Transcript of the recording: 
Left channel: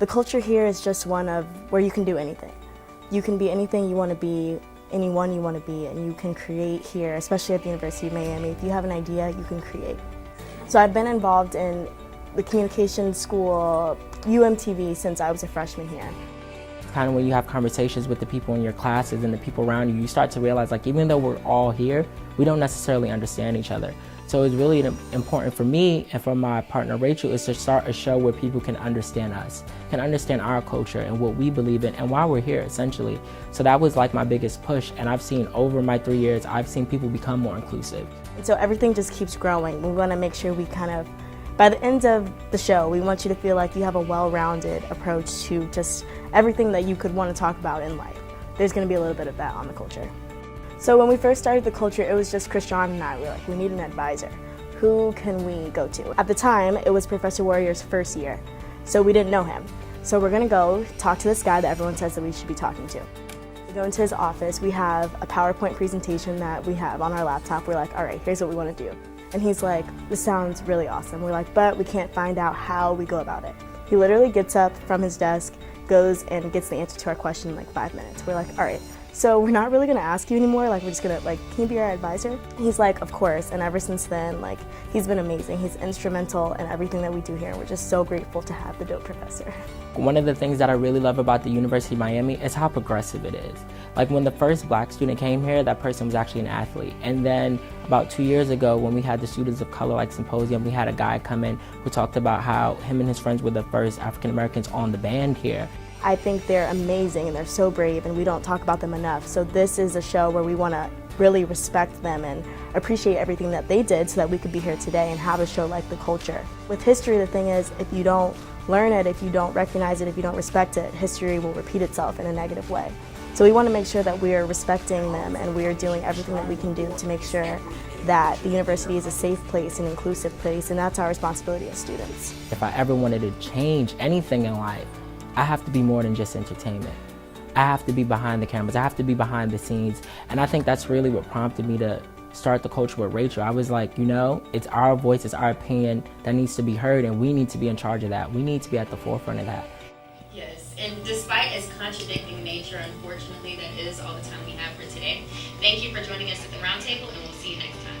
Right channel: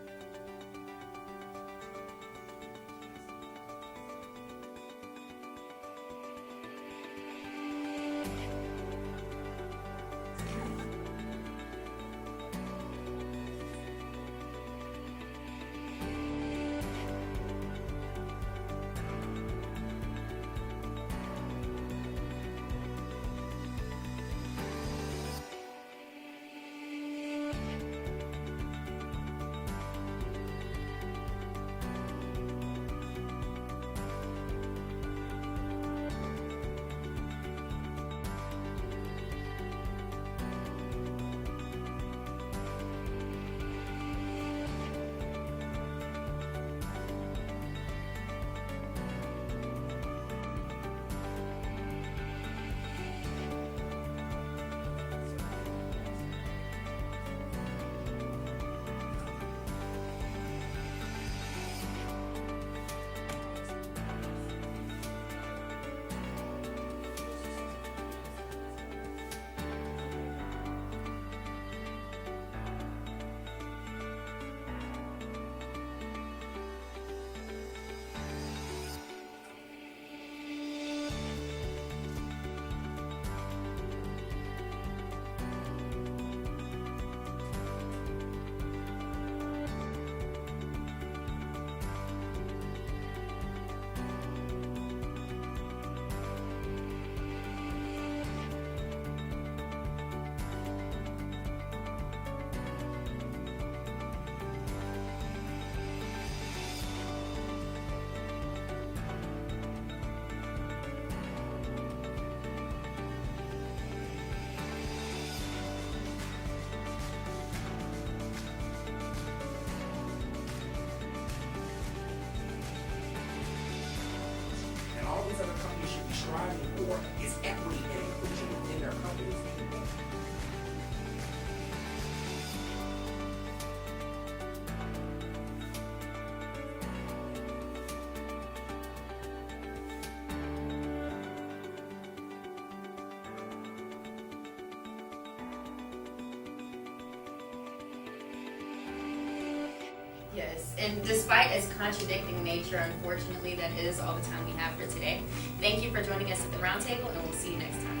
The culture here is just one of where you can do anything. You can be anything you want to be, anyone you want to be, and you can create here, especially at the University of Miami. If you have an idea, you can create. So I've been involved in the communication school, UMTV, since I was a freshman here. Kind of when you have conversations with the people in your classes and the people around you, you start to realize, like, even though we're all here, we don't necessarily understand each other. So it's really important for me and for my partner Rachel is to start a show where people can understand us, can understand our culture and what we believe in and why we're here, essentially. So that was like my biggest push, and I've seen over my 3 years, I've seen people become more inclusive. So everything just keeps growing. We want to make sure we by the end of the show, we want you to feel like you have a well-rounded approach to just everything that you could want to talk about in life. There's going to be a little bit of that on the culture. So when we first started the culture, it was just Krishan and I. We were like, we need an advisor. Who can we go to? At the time, it was Professor Warrior's first year, so we didn't know him. So we're going to go talk to this guy that everyone says that we should be talking to. We go into his office. We have a PowerPoint presentation that we have on our laptop. We're like, all right, here's what we want to do. And he's like, this sounds really awesome. We're like, but we can't find out how we go about it. He literally gets up from his desk, goes and gets the answer to our question in like 5 minutes. We're like, all right, so we're not really gonna ask you anymore. Like, we're just gonna, like, can you be our advisor? He's like, of course. And ever since then, like, he's been amazing. He's instrumental in everything that we do here. We're just so grateful to have the dope professor. One of the things that I really love about the University of Miami is how progressive it is. Like, when the first black student came here, that person was actually an athlete. And then about 2 years ago, when we had the Students of Color like symposium, we had a guy come in who talked about how him and his friends were the first African Americans on the band here. I think they're amazing and they're so brave, and we don't talk about them enough. So this is a show where we want to really respect them and appreciate everything that they did so that we could be here today and have a show like the culture. With history, the thing is, if you don't learn it, if you don't recognize it, if you don't respect it, history will repeat itself in a negative way. So we want to make sure that we are respecting them and we are doing everything that we can do to make sure that the university is a safe place, an inclusive place, and that's our responsibility as students. If I ever wanted to change anything in life, I have to be more than just entertainment. I have to be behind the cameras, I have to be behind the scenes, and I think that's really what prompted me to start the culture with Rachel. I was like, you know, it's our voice, it's our opinion that needs to be heard, and we need to be in charge of that. We need to be at the forefront of that. Yes, and despite its contradicting nature, unfortunately, that is all the time we have for today. Thank you for joining us at the Roundtable, and we'll see you next time.